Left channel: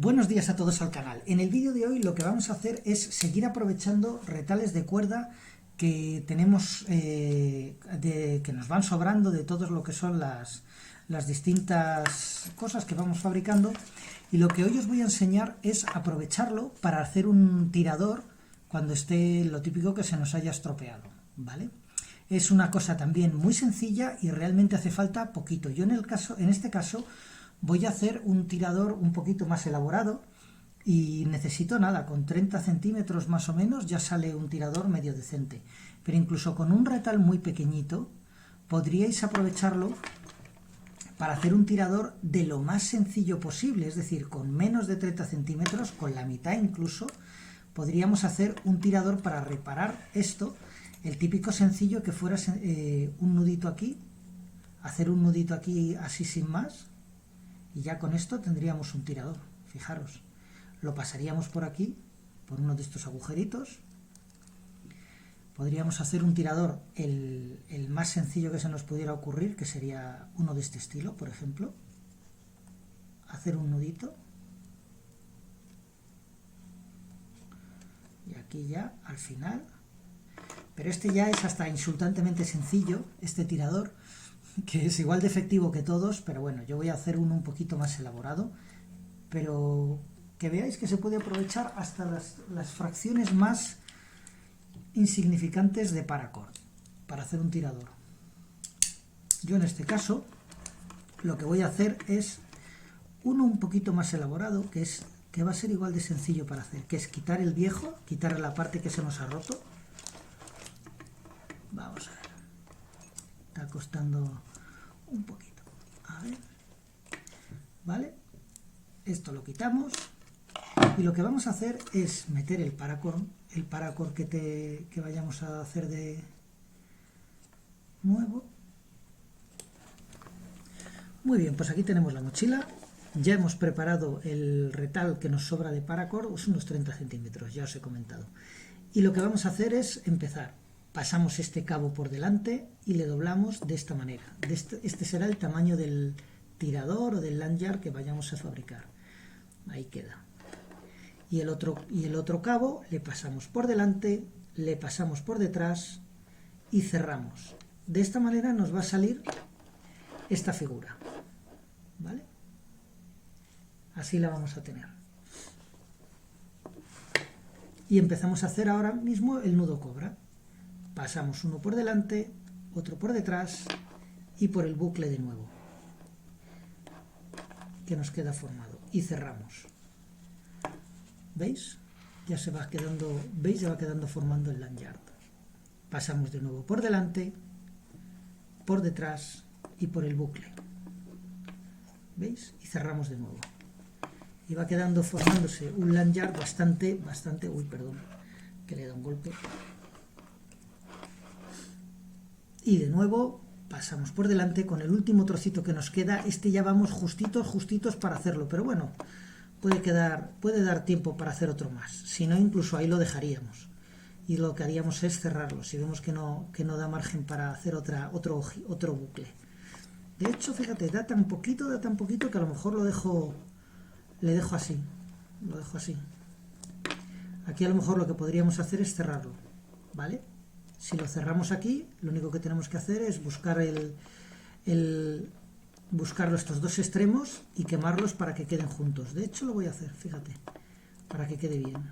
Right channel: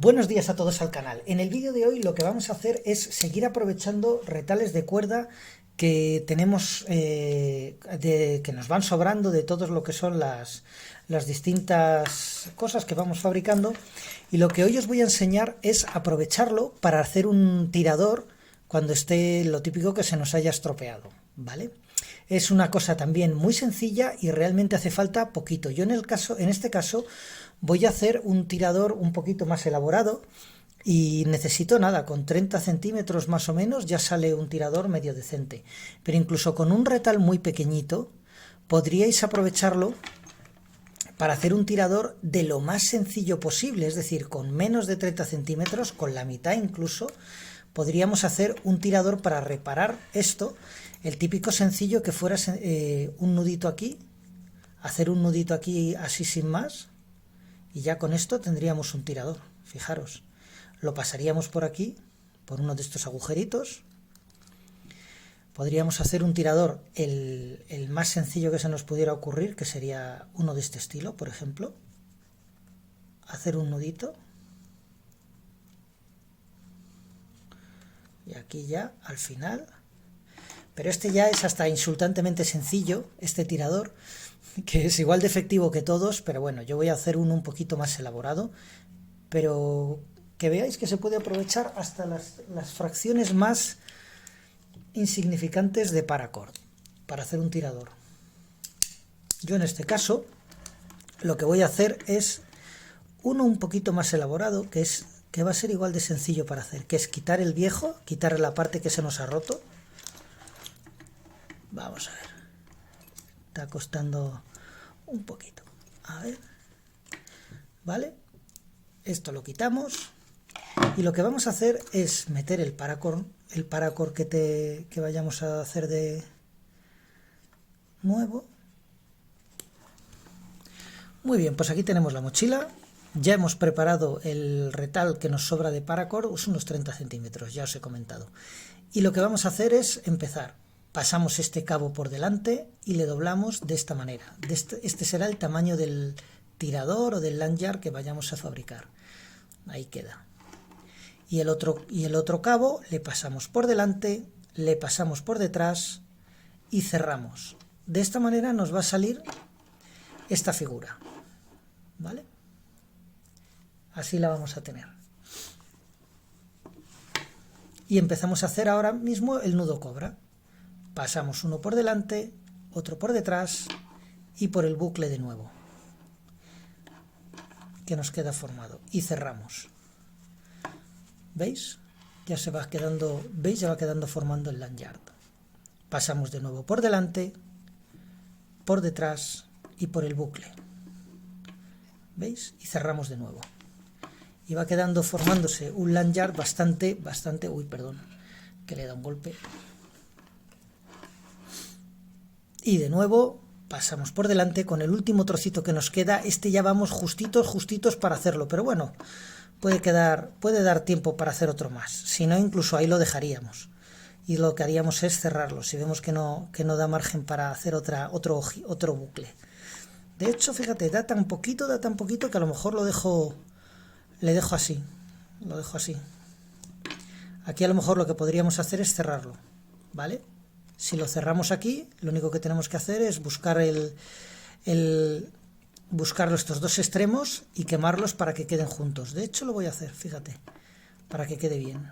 Buenos días a todos al canal. En el vídeo de hoy lo que vamos a hacer es seguir aprovechando retales de cuerda que tenemos, que nos van sobrando de todo lo que son las distintas cosas que vamos fabricando. Y lo que hoy os voy a enseñar es aprovecharlo para hacer un tirador cuando esté lo típico que se nos haya estropeado, ¿vale? Es una cosa también muy sencilla y realmente hace falta poquito. Yo en este caso voy a hacer un tirador un poquito más elaborado y necesito nada, con 30 centímetros más o menos ya sale un tirador medio decente. Pero incluso con un retal muy pequeñito podríais aprovecharlo para hacer un tirador de lo más sencillo posible, es decir, con menos de 30 centímetros, con la mitad incluso, podríamos hacer un tirador para reparar esto, el típico sencillo que fuera un nudito aquí, hacer un nudito aquí así sin más, y ya con esto tendríamos un tirador. Fijaros, lo pasaríamos por aquí, por uno de estos agujeritos. Podríamos hacer un tirador el más sencillo que se nos pudiera ocurrir, que sería uno de este estilo, por ejemplo. Hacer un nudito. Y aquí ya, al final. Pero este ya es hasta insultantemente sencillo, este tirador, que es igual de efectivo que todos, pero bueno, yo voy a hacer uno un poquito más elaborado, pero que veáis que se puede aprovechar hasta las fracciones más insignificantes de paracord para hacer un tirador. Yo en este caso lo que voy a hacer es uno un poquito más elaborado, que va a ser igual de sencillo para hacer, que es quitar el viejo, quitar la parte que se nos ha roto. Vamos a ver, está costando un poquito, a ver, vale, esto lo quitamos y lo que vamos a hacer es meter el paracord que vayamos a hacer de nuevo. Muy bien, pues aquí tenemos la mochila, ya hemos preparado el retal que nos sobra de paracord, es unos 30 centímetros, ya os he comentado, y lo que vamos a hacer es empezar. Pasamos este cabo por delante y le doblamos de esta manera. Este será el tamaño del tirador o del lanyard que vayamos a fabricar. Ahí queda. Y el otro cabo le pasamos por delante, le pasamos por detrás y cerramos. De esta manera nos va a salir esta figura, ¿vale? Así la vamos a tener. Y empezamos a hacer ahora mismo el nudo cobra. Pasamos uno por delante, otro por detrás y por el bucle de nuevo, que nos queda formado. Y cerramos. ¿Veis? Ya se va quedando, ¿veis? Ya va quedando formando el lanyard. Pasamos de nuevo por delante, por detrás y por el bucle. ¿Veis? Y cerramos de nuevo. Y va quedando formándose un lanyard bastante, uy, perdón, que le da un golpe. Y de nuevo pasamos por delante con el último trocito que nos queda. Este ya vamos justitos para hacerlo, pero bueno, puede dar tiempo para hacer otro más. Si no, incluso ahí lo dejaríamos. Y lo que haríamos es cerrarlo, si vemos que no da margen para hacer otro bucle. De hecho, fíjate, da tan poquito que a lo mejor le dejo así. Lo dejo así. Aquí a lo mejor lo que podríamos hacer es cerrarlo, ¿vale? Si lo cerramos aquí, lo único que tenemos que hacer es buscar buscar estos dos extremos y quemarlos para que queden juntos. De hecho, lo voy a hacer, fíjate, para que quede bien,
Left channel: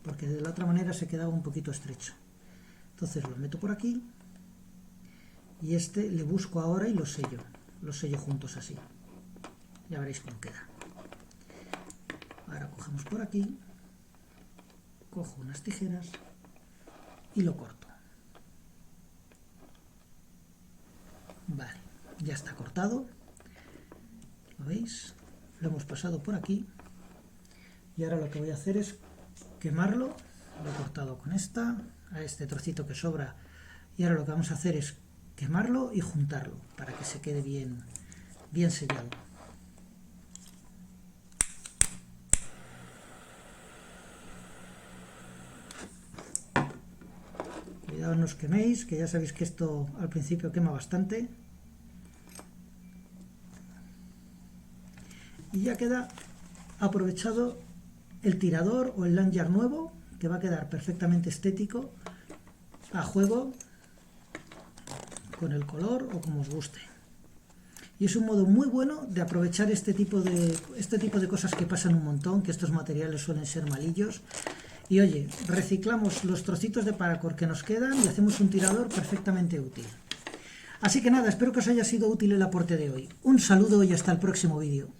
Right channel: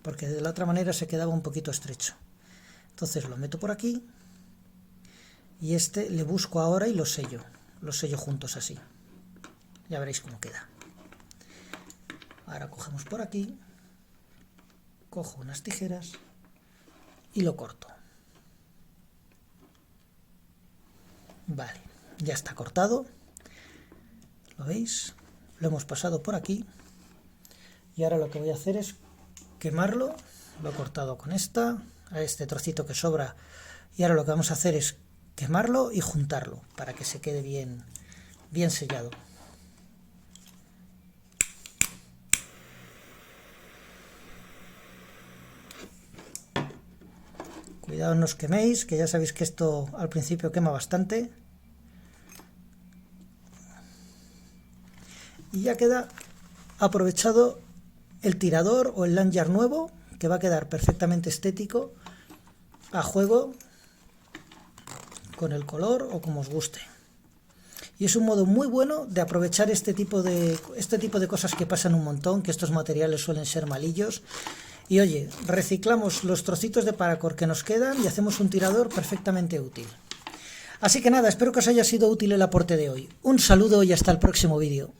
porque de la otra manera se quedaba un poquito estrecho. Entonces lo meto por aquí y este le busco ahora y los sello juntos así. Ya veréis cómo queda. Ahora cogemos por aquí, cojo unas tijeras y lo corto. Vale, ya está cortado. ¿Lo veis? Lo hemos pasado por aquí. Y ahora lo que voy a hacer es quemarlo. Lo he cortado con a este trocito que sobra. Y ahora lo que vamos a hacer es quemarlo y juntarlo para que se quede bien sellado. Cuidado, no os queméis, que ya sabéis que esto al principio quema bastante. Y ya queda aprovechado el tirador o el lanyard nuevo, que va a quedar perfectamente estético, a juego con el color o como os guste. Y es un modo muy bueno de aprovechar este tipo de cosas que pasan un montón, que estos materiales suelen ser malillos. Y oye, reciclamos los trocitos de paracord que nos quedan y hacemos un tirador perfectamente útil. Así que nada, espero que os haya sido útil el aporte de hoy. Un saludo y hasta el próximo vídeo.